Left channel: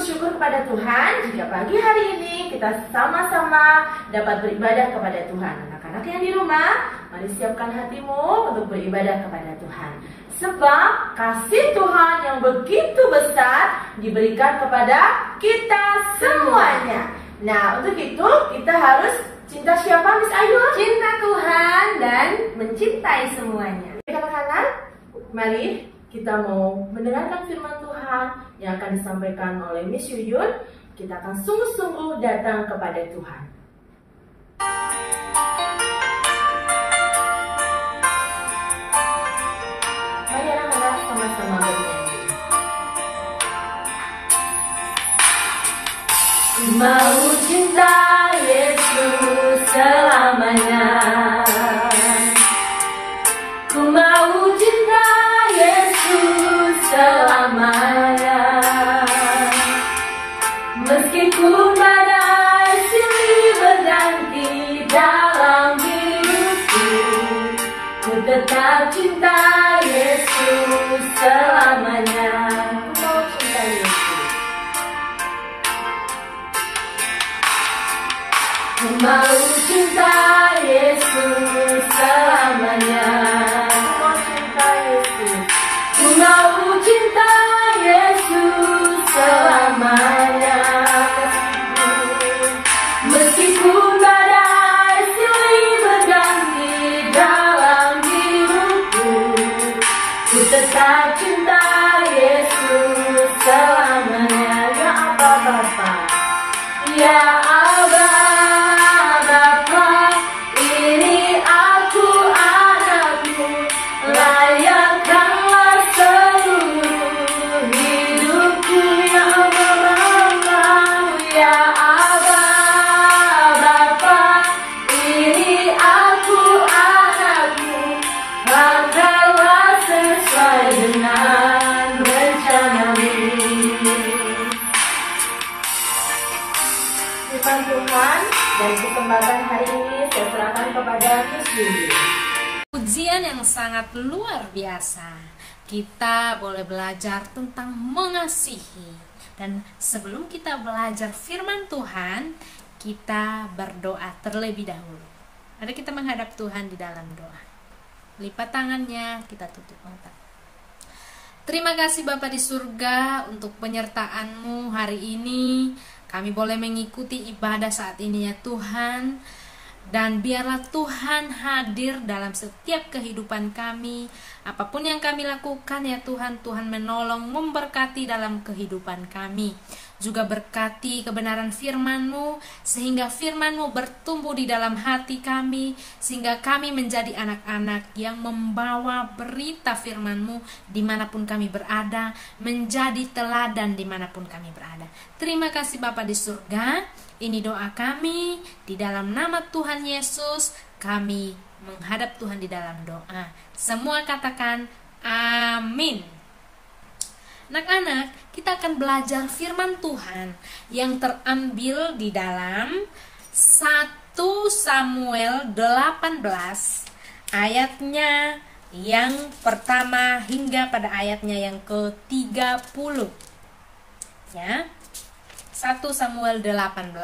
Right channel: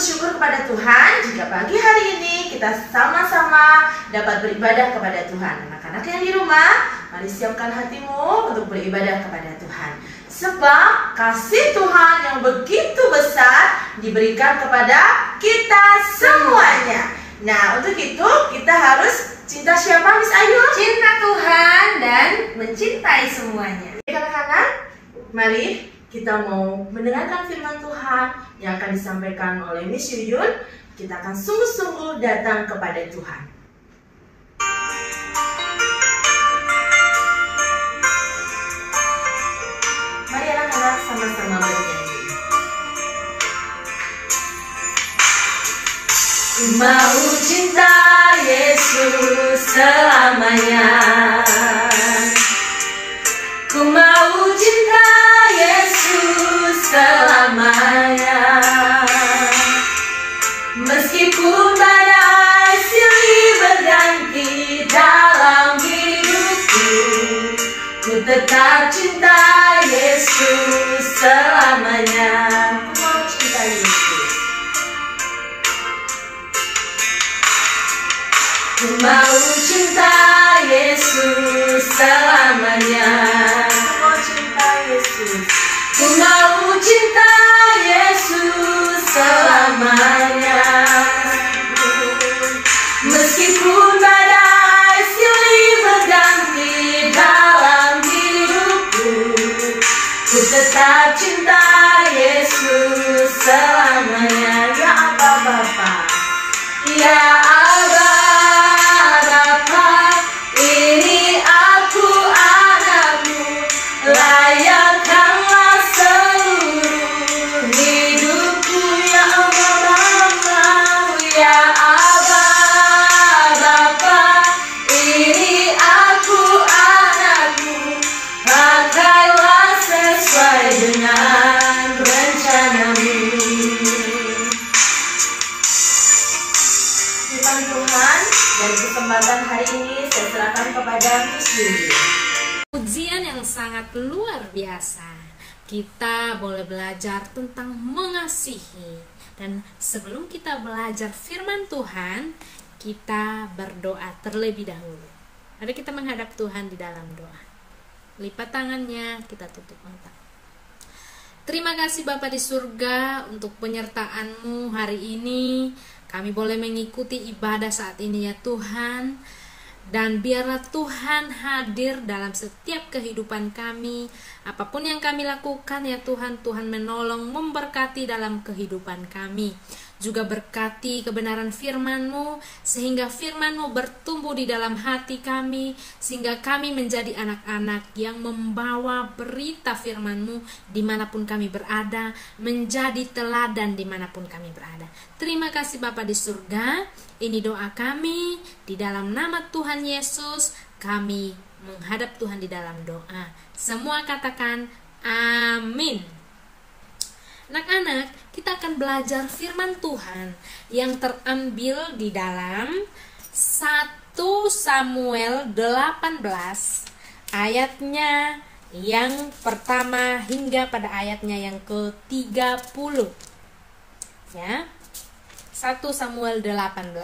bersyukur kepada Tuhan jika pagi hari ini kita sama-sama dapat beribadah kepada Tuhan. Anak-anak yang di rumah, mari siapkan hatimu untuk beribadah kepada Tuhan. Sebab kasih Tuhan yang begitu besar diberikan kepada kita semuanya. Nah, untuk itu kita harus cinta siapa, Miss Ayu? Cinta Tuhan dan mencintai semuanya. Anak-anak, mari kita mau mendengarkan firman Tuhan yang akan disampaikan oleh Miss Yuyun. Kita akan sungguh-sungguh datang kepada Tuhan. Mari anak-anak sama-sama bernyanyi. Ku mau cinta Yesus selamanya. Ku mau cinta Yesus selamanya. Meskipun badai silih berganti dalam hidupku, ku tetap cinta Yesus selamanya. Ku mau cinta Yesus. Ku mau cinta Yesus selamanya. Ku mau cinta Yesus. Ku mau cinta Yesus selamanya. Meskipun badai silih berganti dalam hidupku, ku tetap cinta Yesus selamanya. Ya Aba Bapa, ya Aba Bapa, ini aku anakmu, layakkanlah seluruh hidupku. Ya Aba Bapa, ya Aba Bapa, ini aku anakmu, pakailah sesuai dengan rencanamu. Firman Tuhan dan kesempatan hari ini saya serahkan kepada Miss Yuyun. Ujian yang sangat luar biasa. Kita boleh belajar tentang mengasihi. Dan sebelum kita belajar firman Tuhan, kita berdoa terlebih dahulu. Mari kita menghadap Tuhan di dalam doa. Lipat tangannya, kita tutup mata. Terima kasih Bapa di surga untuk penyertaan-Mu hari ini. Kami boleh mengikuti ibadah saat ini ya Tuhan. Dan biarlah Tuhan hadir dalam setiap kehidupan kami. Apapun yang kami lakukan ya Tuhan, Tuhan menolong, memberkati dalam kehidupan kami. Juga berkati kebenaran firman-Mu, sehingga firman-Mu bertumbuh di dalam hati kami, sehingga kami menjadi anak-anak yang membawa berita firman-Mu dimanapun kami berada, menjadi teladan dimanapun kami berada. Terima kasih Bapa di surga. Ini doa kami, di dalam nama Tuhan Yesus, kami menghadap Tuhan di dalam doa. Semua katakan amin. Anak-anak, kita akan belajar firman Tuhan yang terambil di dalam 1 Samuel 18 ayatnya yang pertama hingga pada ayatnya yang ke-30. Ya. 1 Samuel 18.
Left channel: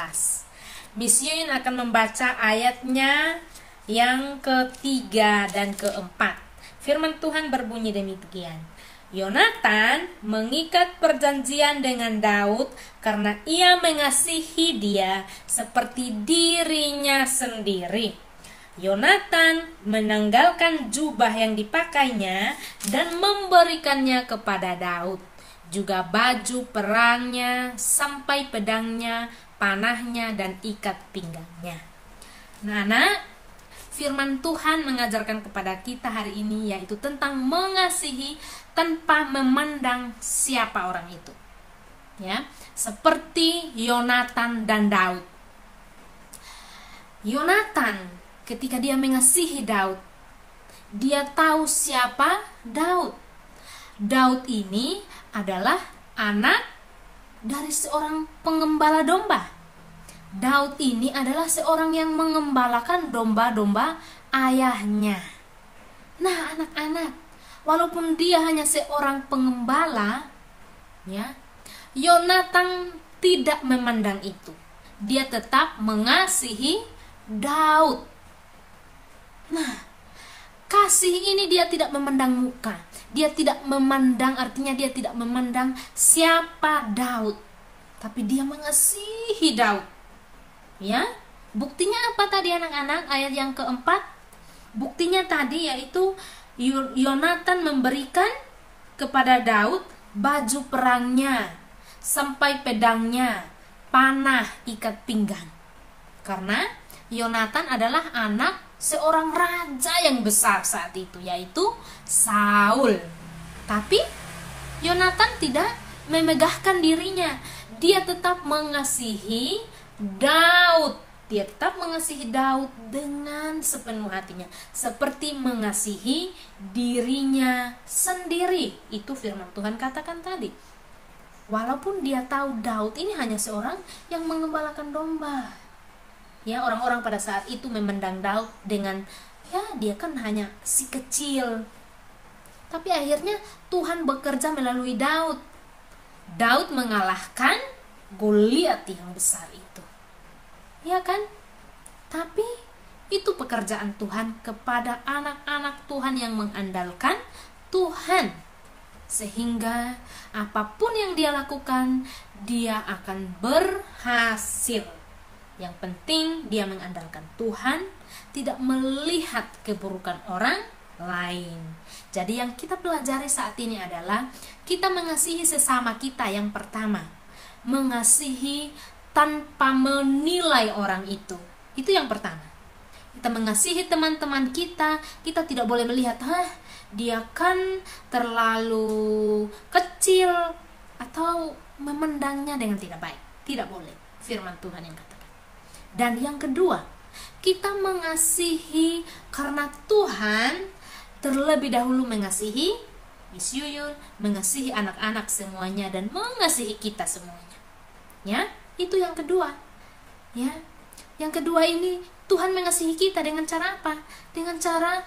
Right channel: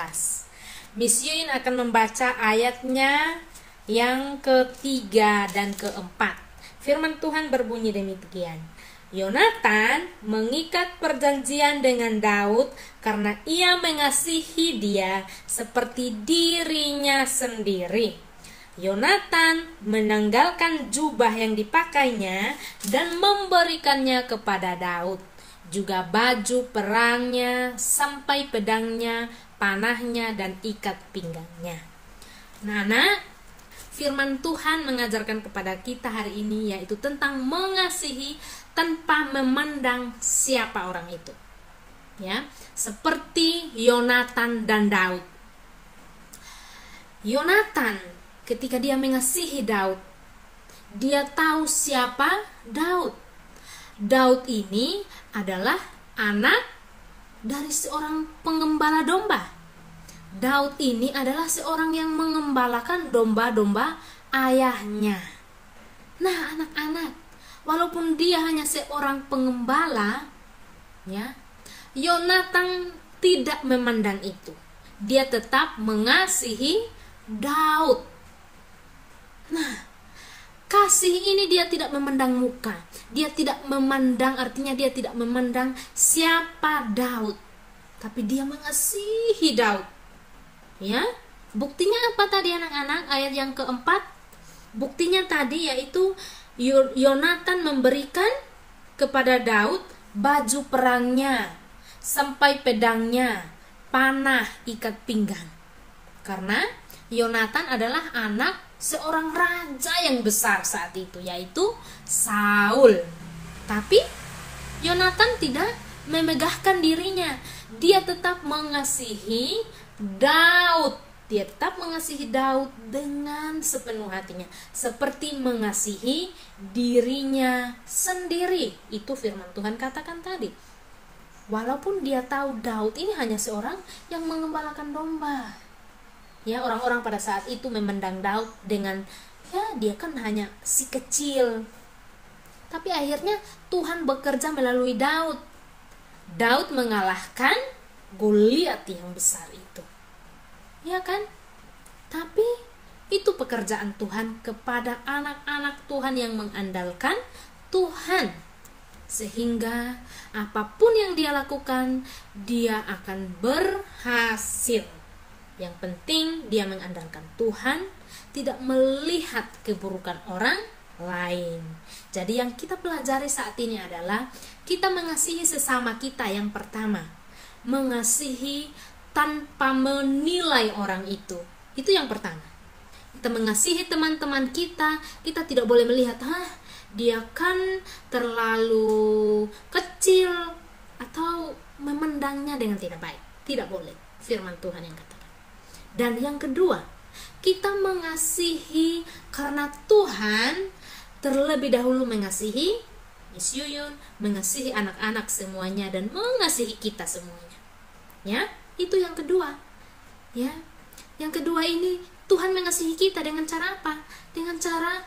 Miss Yuyun akan membaca ayatnya yang ketiga dan keempat. Firman Tuhan berbunyi demikian. Yonatan mengikat perjanjian dengan Daud karena ia mengasihi dia seperti dirinya sendiri. Yonatan menanggalkan jubah yang dipakainya dan memberikannya kepada Daud, juga baju perangnya, sampai pedangnya, panahnya, dan ikat pinggangnya. Nah, firman Tuhan mengajarkan kepada kita hari ini yaitu tentang mengasihi tanpa memandang siapa orang itu. Ya, seperti Yonatan dan Daud. Yonatan ketika dia mengasihi Daud, dia tahu siapa Daud. Daud ini adalah anak dari seorang pengembala domba. Daud ini adalah seorang yang mengembalakan domba-domba ayahnya. Nah, anak-anak, walaupun dia hanya seorang pengembala, ya, Yonatan tidak memandang itu. Dia tetap mengasihi Daud. Nah, kasih ini dia tidak memandang muka. Dia tidak memandang, artinya dia tidak memandang siapa Daud. Tapi dia mengasihi Daud. Ya, buktinya apa tadi anak-anak? Ayat yang keempat. Buktinya tadi yaitu Yonatan memberikan kepada Daud baju perangnya, sampai pedangnya, panah, ikat pinggang. Karena Yonatan adalah anak seorang raja yang besar saat itu, yaitu Saul. Tapi Yonatan tidak memegahkan dirinya. Dia tetap mengasihi Daud. Dia tetap mengasihi Daud dengan sepenuh hatinya, seperti mengasihi dirinya sendiri. Itu firman Tuhan katakan tadi. Walaupun dia tahu Daud ini hanya seorang yang mengembalakan domba. Ya, orang-orang pada saat itu memandang Daud dengan, ya dia kan hanya si kecil. Tapi akhirnya Tuhan bekerja melalui Daud. Daud mengalahkan Goliat yang besar itu. Ya kan? Tapi itu pekerjaan Tuhan kepada anak-anak Tuhan yang mengandalkan Tuhan. Sehingga apapun yang dia lakukan, dia akan berhasil. Yang penting dia mengandalkan Tuhan, tidak melihat keburukan orang lain. Jadi yang kita pelajari saat ini adalah kita mengasihi sesama kita yang pertama. Mengasihi tanpa menilai orang itu. Itu yang pertama. Kita mengasihi teman-teman kita, kita tidak boleh melihat, dia kan terlalu kecil, atau memandangnya dengan tidak baik. Tidak boleh. Firman Tuhan yang katakan. Dan yang kedua, kita mengasihi karena Tuhan terlebih dahulu mengasihi Miss Yuyun, mengasihi anak-anak semuanya, dan mengasihi kita semuanya. Ya, itu yang kedua. Ya, yang kedua ini Tuhan mengasihi kita dengan cara apa? Dengan cara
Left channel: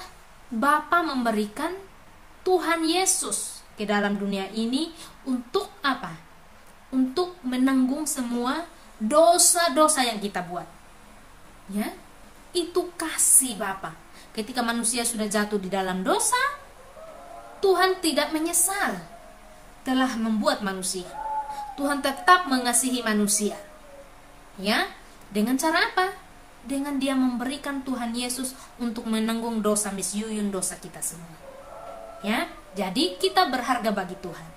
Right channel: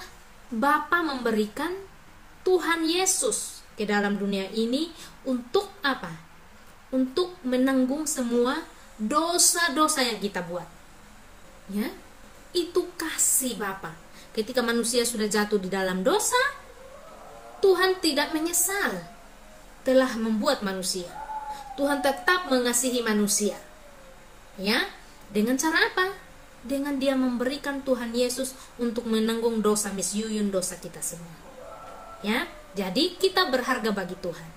Bapa memberikan Tuhan Yesus ke dalam dunia ini untuk apa? Untuk menanggung semua dosa-dosa yang kita buat. Ya, itu kasih Bapa. Ketika manusia sudah jatuh di dalam dosa, Tuhan tidak menyesal telah membuat manusia. Tuhan tetap mengasihi manusia. Ya, dengan cara apa? Dengan dia memberikan Tuhan Yesus untuk menanggung dosa Miss Yuyun, dosa kita semua. Ya, jadi kita berharga bagi Tuhan.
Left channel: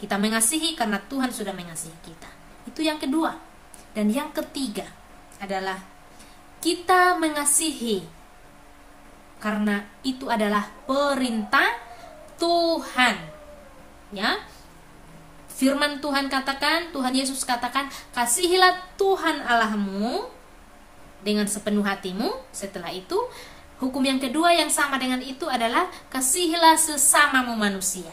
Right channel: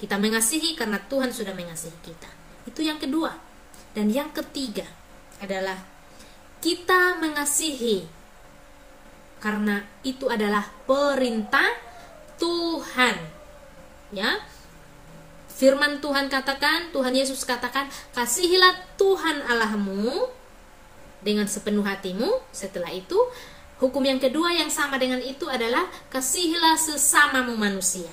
Kita mengasihi karena Tuhan sudah mengasihi kita. Itu yang kedua. Dan yang ketiga adalah kita mengasihi karena itu adalah perintah Tuhan. Ya. Firman Tuhan katakan, Tuhan Yesus katakan, kasihilah Tuhan Allahmu dengan sepenuh hatimu. Setelah itu, hukum yang kedua yang sama dengan itu adalah kasihilah sesamamu manusia.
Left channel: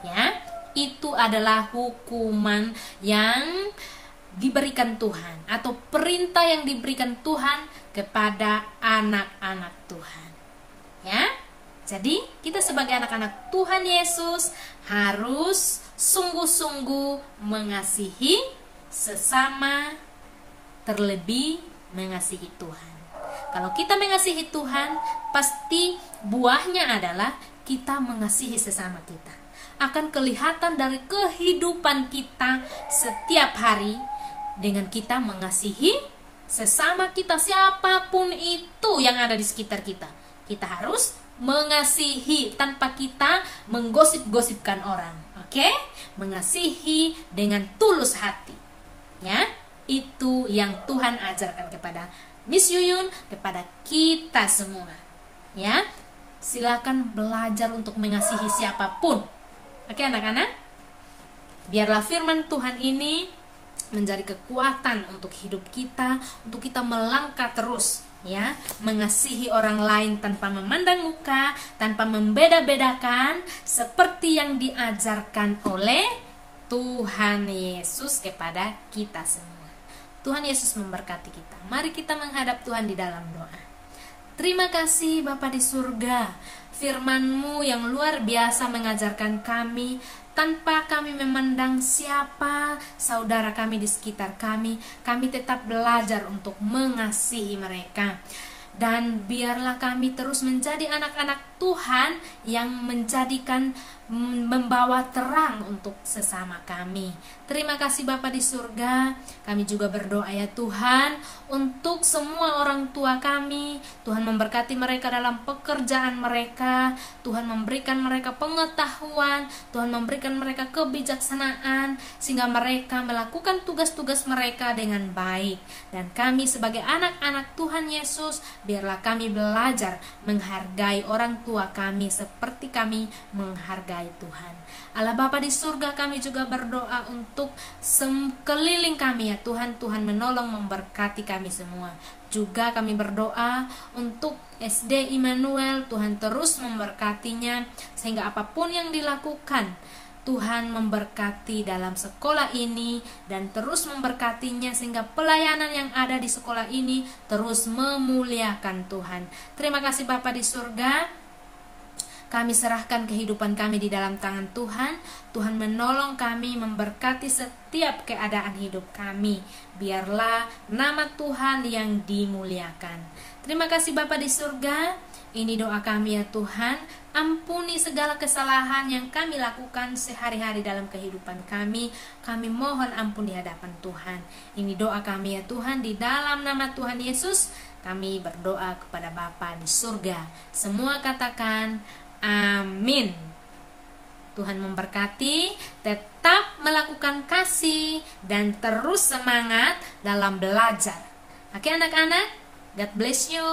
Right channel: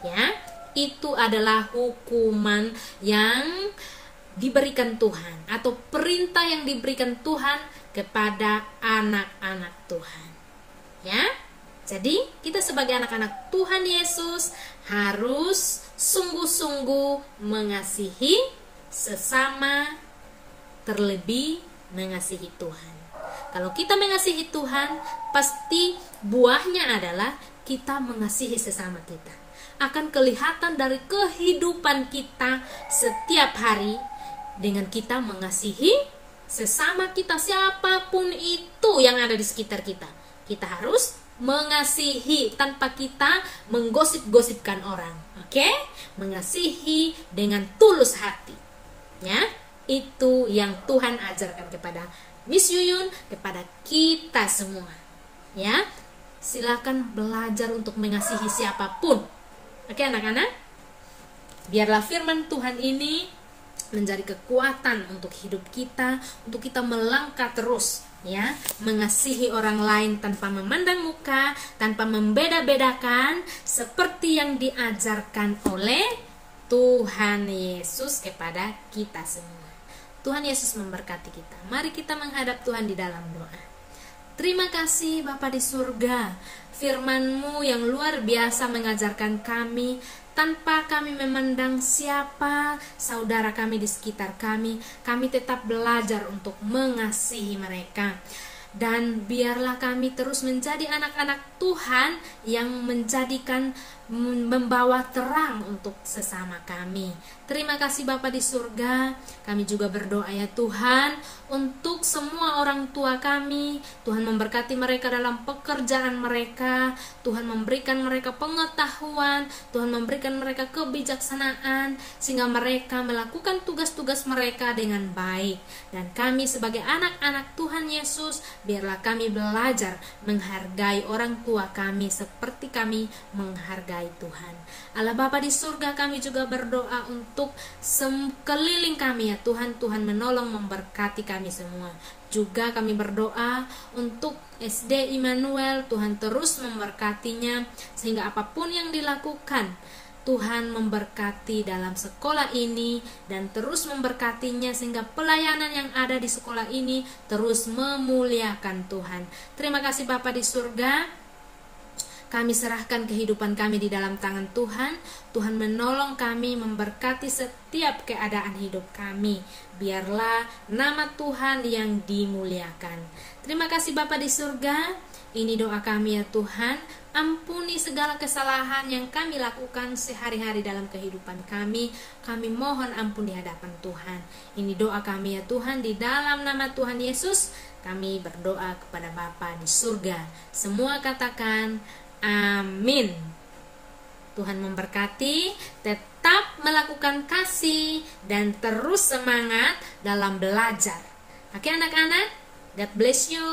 Ya, itu adalah hukuman yang diberikan Tuhan, atau perintah yang diberikan Tuhan kepada anak-anak Tuhan. Ya, jadi kita sebagai anak-anak Tuhan Yesus harus sungguh-sungguh mengasihi sesama, terlebih mengasihi Tuhan. Kalau kita mengasihi Tuhan, pasti buahnya adalah kita mengasihi sesama kita. Akan kelihatan dari kehidupan kita setiap hari dengan kita mengasihi sesama kita, siapapun itu yang ada di sekitar kita. Kita harus mengasihi tanpa kita menggosip-gosipkan orang. Oke? Mengasihi dengan tulus hati. Ya, itu yang Tuhan ajarkan kepada Miss Yuyun, kepada kita semua. Ya, silakan belajar untuk mengasihi siapapun. Oke anak-anak? Biarlah firman Tuhan ini menjadi kekuatan untuk hidup kita, untuk kita melangkah terus, ya, mengasihi orang lain tanpa memandang muka, tanpa membeda-bedakan, seperti yang diajarkan oleh Tuhan Yesus kepada kita semua. Tuhan Yesus memberkati kita. Mari kita menghadap Tuhan di dalam doa. Terima kasih Bapa di surga, firman-Mu yang luar biasa mengajarkan kami tanpa kami memandang siapa saudara kami di sekitar kami tetap belajar untuk mengasihi mereka. Dan biarlah kami terus menjadi anak-anak Tuhan yang membawa terang untuk sesama kami. Terima kasih Bapa di surga. Kami juga berdoa ya Tuhan untuk semua orang tua kami. Tuhan memberkati mereka dalam pekerjaan mereka. Tuhan memberikan mereka pengetahuan. Tuhan memberikan mereka kebijaksanaan sehingga mereka melakukan tugas-tugas mereka dengan baik. Dan kami sebagai anak-anak Tuhan Yesus, biarlah kami belajar menghargai orang tua kami seperti kami menghargai Tuhan. Allah Bapa di surga, kami juga berdoa untuk sekeliling kami ya Tuhan. Tuhan menolong memberkati kami semua. Juga kami berdoa untuk SD Immanuel, Tuhan terus memberkatinya sehingga apapun yang dilakukan, Tuhan memberkati dalam sekolah ini dan terus memberkatinya sehingga pelayanan yang ada di sekolah ini terus memuliakan Tuhan. Terima kasih Bapa di surga. Kami serahkan kehidupan kami di dalam tangan Tuhan. Tuhan menolong kami, memberkati setiap keadaan hidup kami. Biarlah nama Tuhan yang dimuliakan. Terima kasih Bapa di surga. Ini doa kami ya Tuhan. Ampuni segala kesalahan yang kami lakukan sehari-hari dalam kehidupan kami. Kami mohon ampun di hadapan Tuhan. Ini doa kami ya Tuhan, di dalam nama Tuhan Yesus kami berdoa kepada Bapa di surga. Semua katakan amin. Tuhan memberkati, tetap melakukan kasih dan terus semangat dalam belajar. Oke anak-anak, God bless you.